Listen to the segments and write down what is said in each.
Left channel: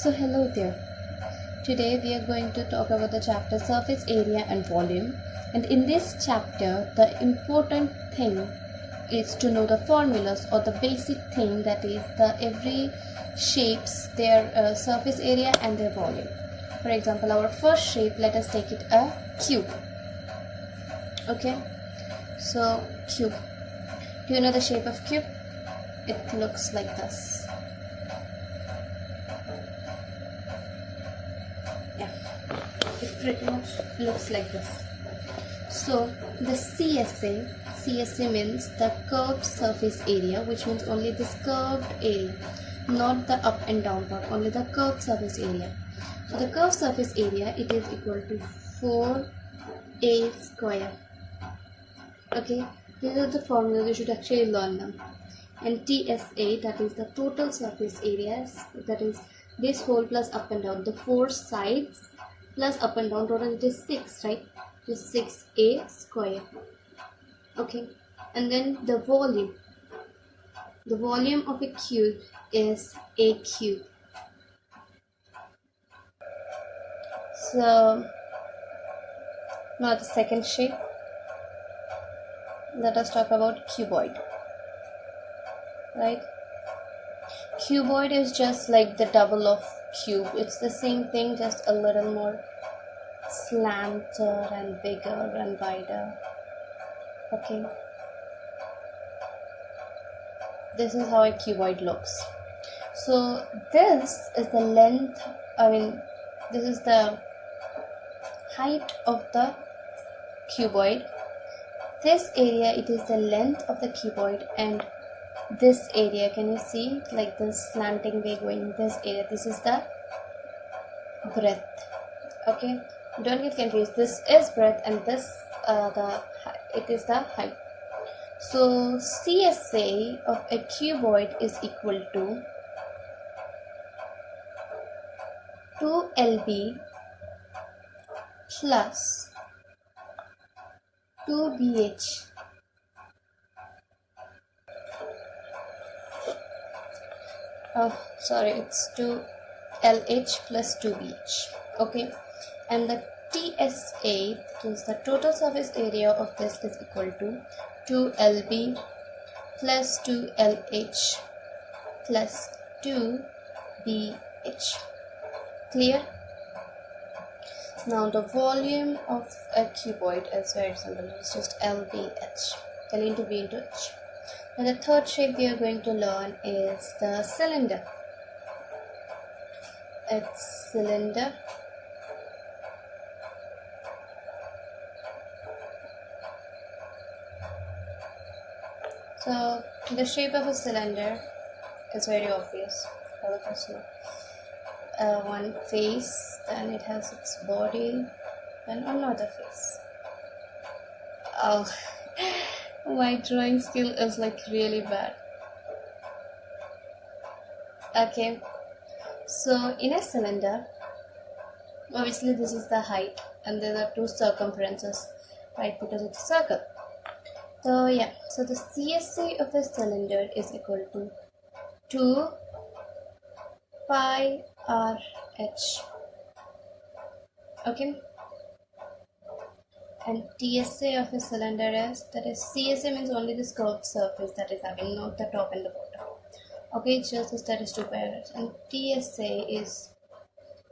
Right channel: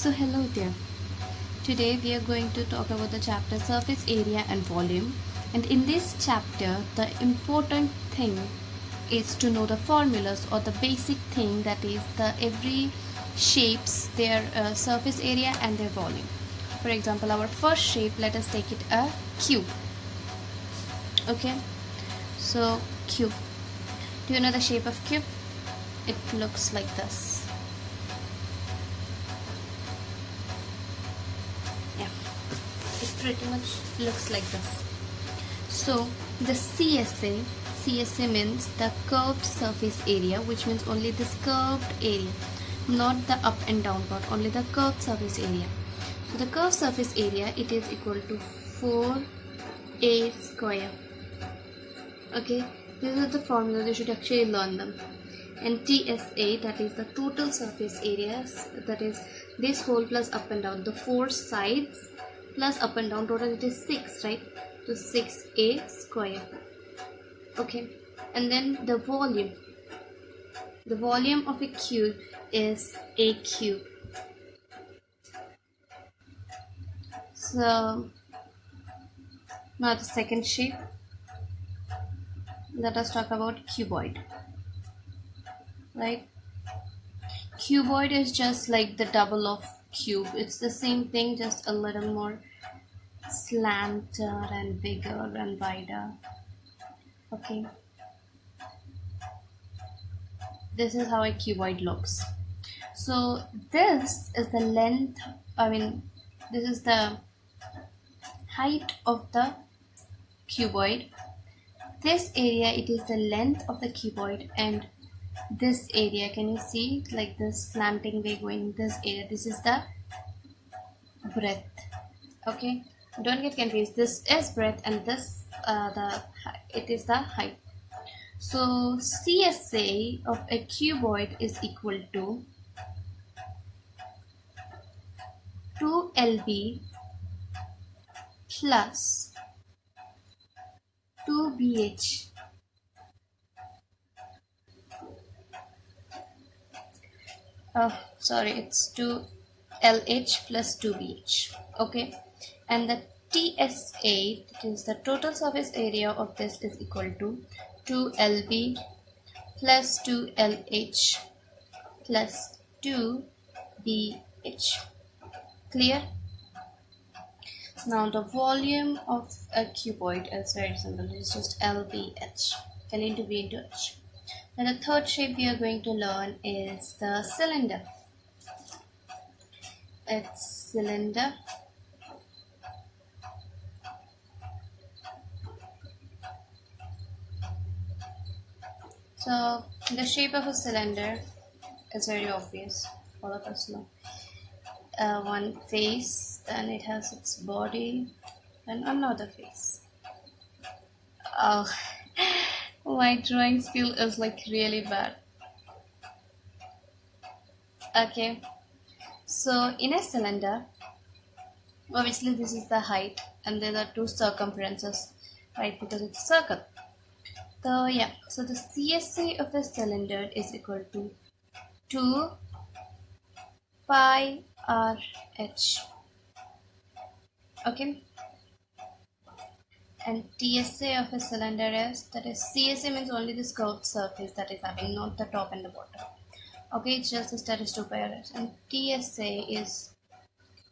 So hello there. Today we are going to talk about the chapter surface area and volume. And in this chapter, the important thing is to know the formulas or the basic thing, that is the every shapes their surface area and their volume. For example, our first shape, let us take it a cube. Okay, so cube. Do you know the shape of cube? It looks like this. Yeah, it pretty much looks like this. So the CSA means the curved surface area, which means only this curved area, not the up and down part, only the curved surface area. So the curved surface area, it is equal to 4a square. Okay, these are the formulas, you should actually learn them. And TSA, that is the total surface areas, that is this whole plus up and down, the four sides plus up and down, total it is 6, right? So 6a square. Okay, and then the volume of a cube is a cube. So now the second shape, let us talk about cuboid. Right, cuboid is just like the double of cube. It's the same thing, just a little more slanted and bigger and wider. Okay, this is how a cuboid looks. So this is the length, this is the height of the cuboid. This area, it is the length of the cuboid, and this area, can you see like this slanting way going, this area, this is the breadth. Okay, don't get confused, this is breadth and this it is the height. So CSA of a cuboid is equal to 2LB plus 2BH it's 2LH plus 2BH. Okay, and the TSA, that is the total surface area of this, is equal to 2LB plus 2LH plus 2BH. Clear? Now the volume of a cuboid is very simple. It's just LBH, L into B into H. And the third shape we are going to learn is the cylinder. It's cylinder. So the shape of a cylinder is very obvious. All of us know. One face, then it has its body, and another face. Oh, my drawing skill is like really bad. Okay, so in a cylinder, obviously this is the height, and there are two circumferences, right? Because it's a circle. So yeah, so the CSA of the cylinder is equal to 2 pi RH. Okay, and TSA of a cylinder is, that is CSA means only this curved surface that is having, not the top and the bottom. Okay, it's just this, that is 2 pi RH, and TSA is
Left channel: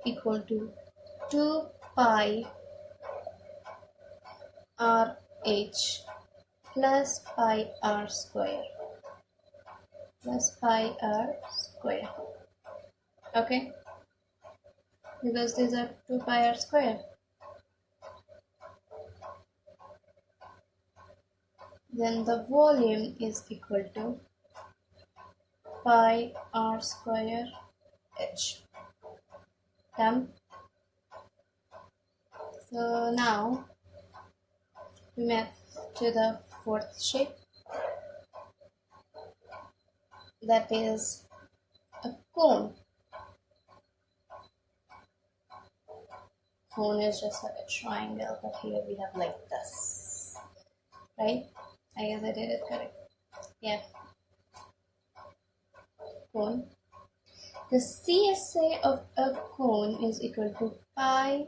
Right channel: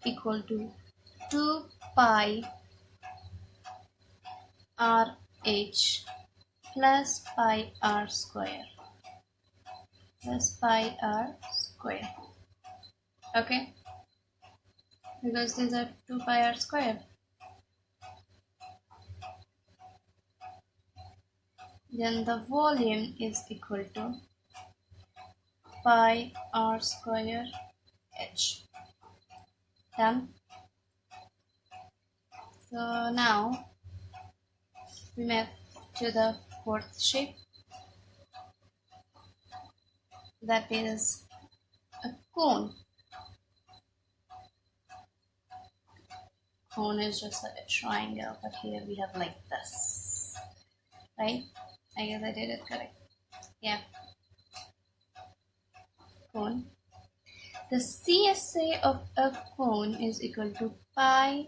equal to 2 pi RH plus pi r square plus pi r square. Okay, because these are 2 pi r square. Then the volume is equal to pi r square h. Done. So now we move to the fourth shape, that is a cone. Cone is just like a triangle, but here we have like this, right? I guess I did it correct. Yeah, cone. the CSA of a cone is equal to pi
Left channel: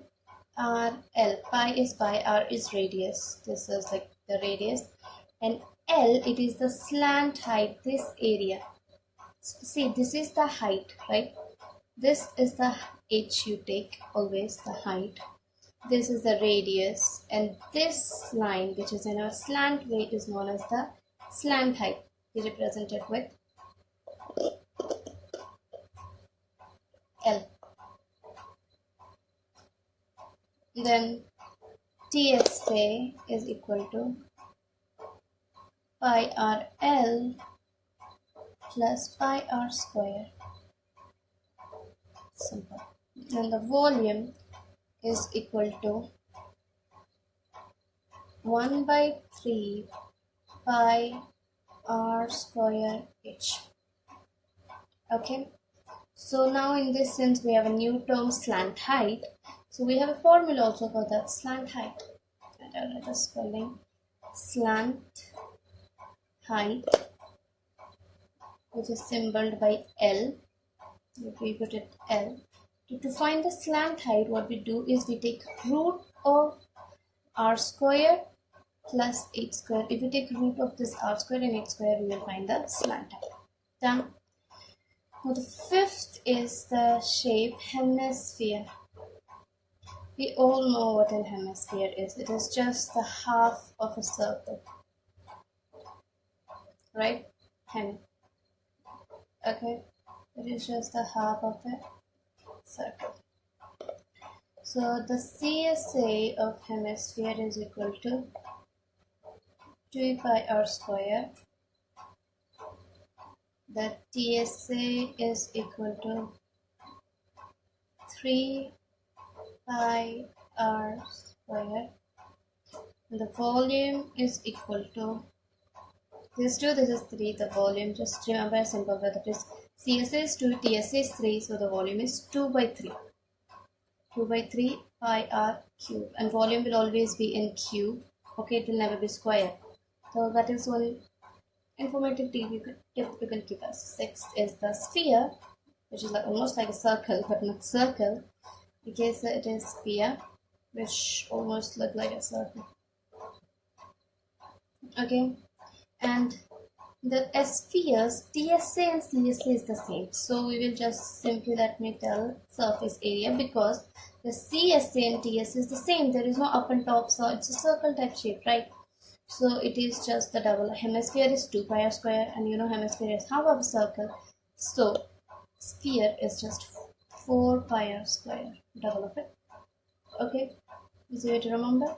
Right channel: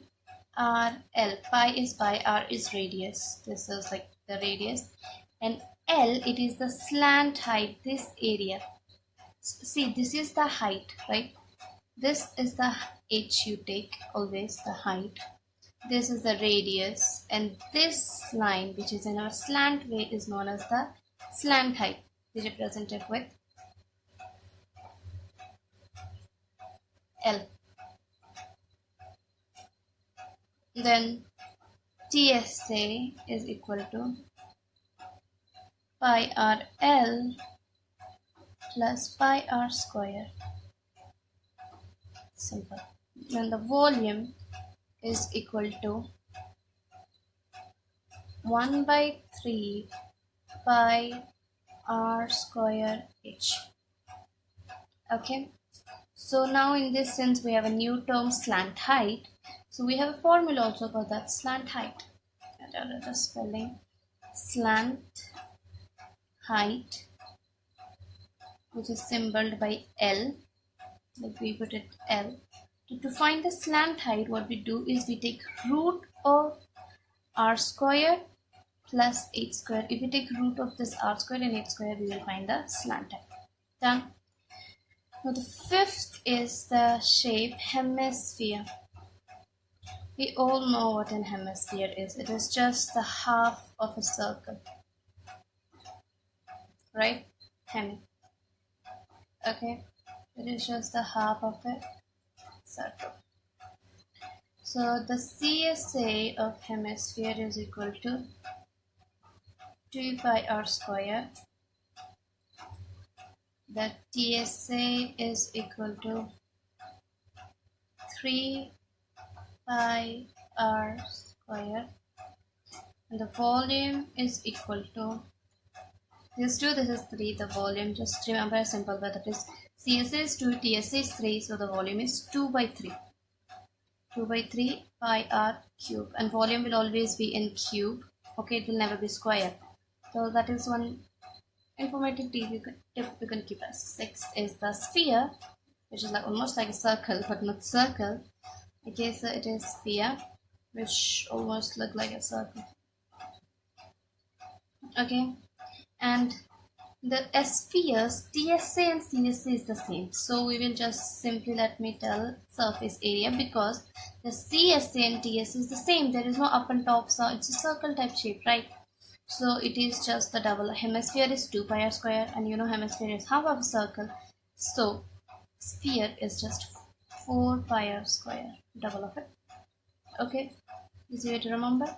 r l. Pi is pi, r is radius. This is like the radius, and L, it is the slant height, this area. See, this is the height, right? This is the h you take, always the height. This is the radius, and this line, which is in our slant way, is known as the slant height. We represent it with L. Then TSA is equal to pi r L plus pi r square. Simple. And the volume is equal to 1 by 3 pi r square h. Okay. So now in this sense we have a new term, slant height. So we have a formula also for that slant height. The spelling slant height, which is symbolized by L. If we put it L. To find the slant height, what we do is we take root of r square plus h square. If we take root of this r square and h square, we will find the slant height. Done. Now the fifth is the shape hemisphere. We all know what a hemisphere is. It is just the half of a circle, right? Hemi. Okay, it is just the half of a circle. So the CSA of hemisphere is equal to 2 pi r square. The TSA is equal to 3 pi r square. And the volume is equal to this 2, this is 3. The volume, just remember a simple way, that is CSA is 2, TSA is 3, so the volume is 2 by 3. 2 by 3 pi r cube, and volume will always be in cube. Okay, it will never be square. So that is one informative tip you can keep us. Sixth is the sphere, which is like almost like a circle, but not circle. Okay, so it is sphere, which almost look like a circle. Okay, and the spheres TSA and CSA is the same. So we will just simply let me tell surface area, because the CSA and TSA is the same. There is no up and top, so it's a circle type shape, right? So it is just the double. Hemisphere is 2 pi r square, and you know hemisphere is half of a circle. So sphere is just 4 pi r square, double of it. Okay, easy way to remember.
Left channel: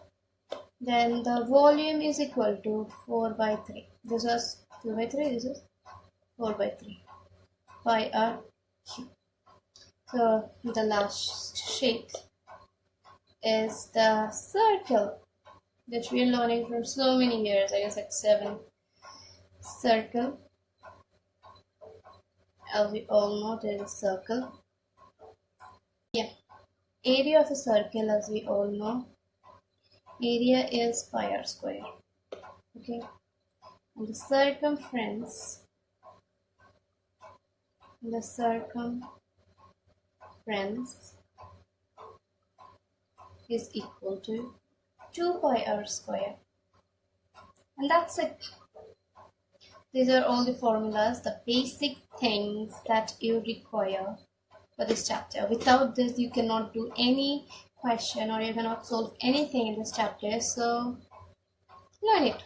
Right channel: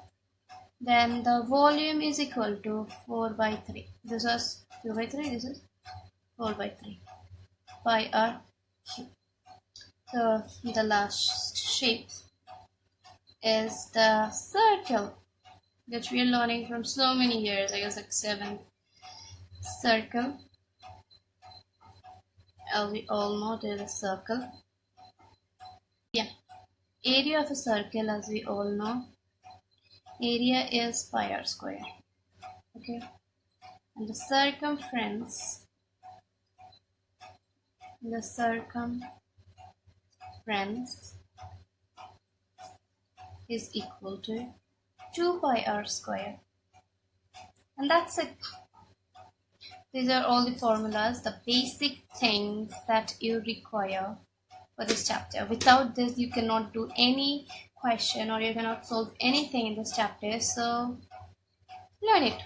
Then the volume is equal to 4 by 3. This is 2 by 3, this is 4 by 3 pi r cube. So the last shape is the circle, which we are learning from so many years, I guess like 7. Circle, as we all know, there is a circle. Yeah, area of a circle, as we all know, area is pi r square. Okay, and the circumference is equal to 2 pi r square, and that's it. These are all the formulas, the basic things that you require for this chapter. Without this, you cannot do any question, or you cannot solve anything in this chapter. So learn it.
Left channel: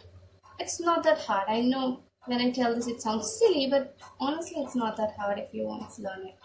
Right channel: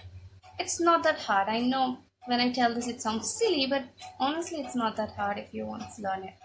It's not that hard. I know when I tell this it sounds silly, but honestly it's not that hard if you want to learn it.